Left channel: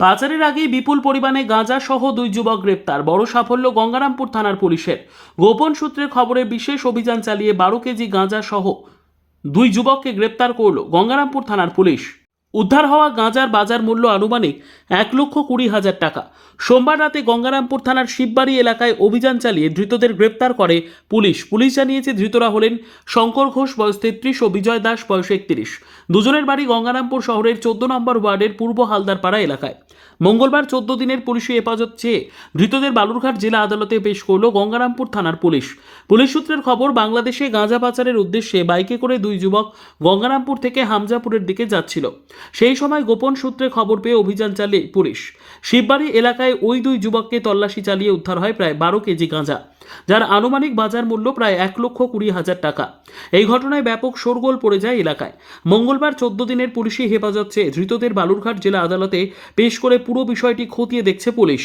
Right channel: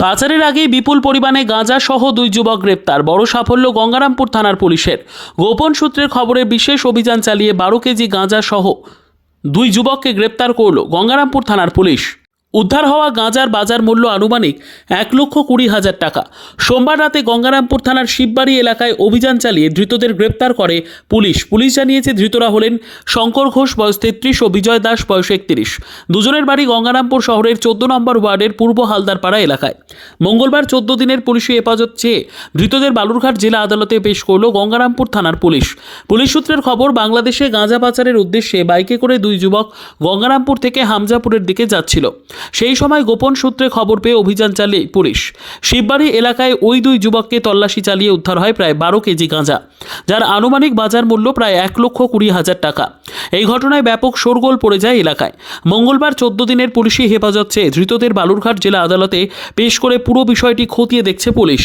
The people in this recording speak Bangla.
পাচারের আগে বিপুল পরিমাণে গাঁজা সহ দুই যুবক গ্রেপ্তার। বড় সাফল্য গঙ্গারামপুর থানার পুলিশের। গোপন সূত্রের খবরে বিশেষ অভিযান চালিয়ে 12 কেজি গাঁজা সহ দুই যুবককে গ্রেপ্তার করল গঙ্গারামপুর থানার পুলিশ। উদ্ধার হওয়া গাঁজার বাজার মূল্য আনুমানিক 1,20,000 টাকা। সোমবার রাতে গঙ্গারামপুর থানার শিববাড়ি এলাকায় অভিযান চালিয়ে ধৃতদের গ্রেপ্তার করে পুলিশ। পুলিশ জানিয়েছে ধৃতরা হলেন শঙ্কর ঘোষ বয়স 33 ও বিজয় দাস বয়স 31। দুজনের বাড়ি গঙ্গারামপুর শহরের 14 নম্বর ওয়ার্ডের পূর্ব হালদারপাড়া এলাকায়। মঙ্গলবার 14 দিনের পুলিশি হেফাজত চেয়ে ধৃতদের বালুরঘাট জেলা আদালতে পেশ করল গঙ্গারামপুর থানার পুলিশ। পুলিশ সূত্রের খবর, বাংলাদেশে গাঁজা পাচারের উদ্দেশ্যে বাইকে করে দুই যুবক গঙ্গারামপুর থেকে হামজাপুরের দিকে যাচ্ছিল। সেই সময় গোপন সূত্রে খবর পেয়ে অভিযান চালিয়ে পুলিশ শিববাড়ি এলাকায় ওই দুই যুবককে তল্লাশি চালিয়ে উদ্ধার হয় প্রায় 12 কেজি গাঁজা, যার আনুমানিক বাজার মূল্য প্রায় 1,20,000 টাকা। এই ঘটনায় ব্যাপক শোরগোল পড়ে যায় এলাকায়। মঙ্গলবার 14 দিনের পুলিশি হেফাজত চেয়ে ধৃতদের বালুরঘাট জেলা আদালতে পেশ করে পুরো বিষয়টি খতিয়ে দেখছে পুলিশ।